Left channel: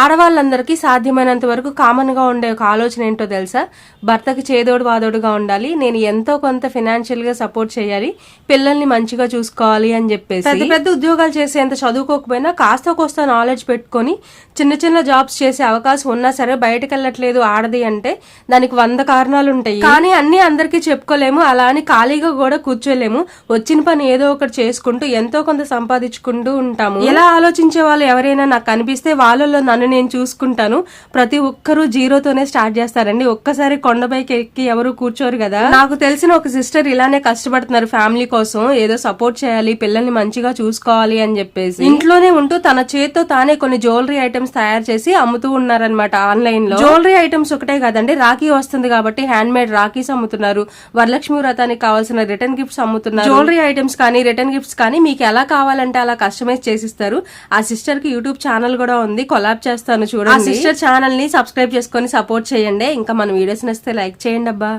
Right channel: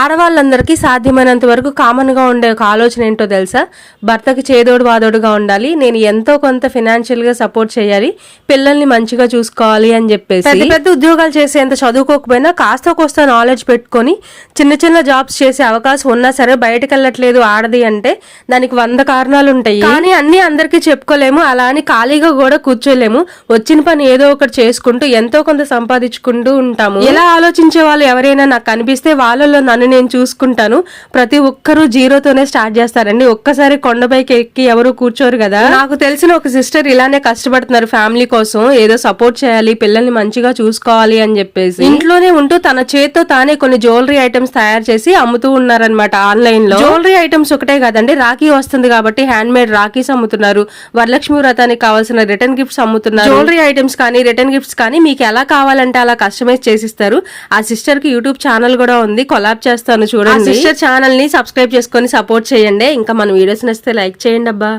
ఆడవాళ్ళందరికీ సాధ్యమైనంత వరకు కామన్ గా ఉండే ఒక ఆలోచన ఏంటో తెలుసా? భర్తకి చేదోడు వాదోడుగా ఉండాలి, నేను ఎంతో కొంత ఫినాన్షియల్ గా సపోర్ట్ చేయాలి, పిల్లల్ని మంచిగా చూసుకోవాలి అని చెప్పేసి. పెద్ద పెద్ద ఉద్యోగాలు చేసేంత చదువుకోకపోయినా కాస్త కోస్త నాలెడ్జ్ పెట్టుకొని చిన్న చిన్న జాబ్స్ చేసే అవకాశం ఉన్నా సరే బయటకు వెళ్ళట్లేదు ఆడది అంటే దానికి 100 కారణాలు ఉంటాయి. కానీ అన్ని అందరికీ చెప్పుకోలేము, అలా అని ఖాళీగా కూడా కూర్చోలేము. వచ్చిన పని ఏదో ఒకటి చేసుకుంటూ ఎంతో కొంత సంపాదించుకుంటూ ఉంటాము. ఇలా ఆలోచించే వాళ్ళు ఎవరైనా నాకు కనిపిస్తే వాళ్ళలో నన్ను నేను చూసుకుంటాను. ప్రతి ఒక్కరూ జీరోతోనే స్టార్ట్ చేస్తారండి. ఒక్కసారి కొండపైకి ఎక్కి ఎవరు కూర్చోరు కదా. నాకు తెలిసిన ఒక సిస్టర్ ఇలానే కష్టపడుతున్నారు ఫ్యామిలీ కోసం, ఏదో సపోర్ట్ చేయాలి, పిల్లల్ని మంచిగా చూసుకోవాలి అని చెప్పేసి ఇంట్లోనే ఉంటూ తన చేతితో తానే కొన్ని జ్యువెలరీ ఐటమ్స్ తయారు చేసి అమ్ముతూ ఉన్నారనమాట ఆన్లైన్ లో. జ్యువెలరీ ఐటమ్స్ ఒకటే కాదండి, రాఖీ వస్తుంది కాబట్టి హ్యాండ్ మేడ్ రాఖీస్ అమ్ముతున్నారు, వరలక్ష్మి వ్రతానికి కావాల్సిన రిటర్న్ గిఫ్ట్స్ అమ్ముతున్నారు. జ్యువెలరీ ఐటమ్స్ కానీ రిటర్న్ గిఫ్ట్స్ కానీ మీకు ఎలా కావాలంటే అలా కస్టమైజ్ చేసిస్తారు. ఆ సిస్టర్ కి యూట్యూబ్ ఛానల్ కూడా ఉంది, కొలాబ్ చేస్తాను చూడండి. సిస్టర్ ఛానల్ ని సబ్స్క్రైబ్ చేసుకొని సపోర్ట్ చేయండి. ఇంకా మన వీడియోస్ నచ్చితే లైక్ చేయండి అబ్బా.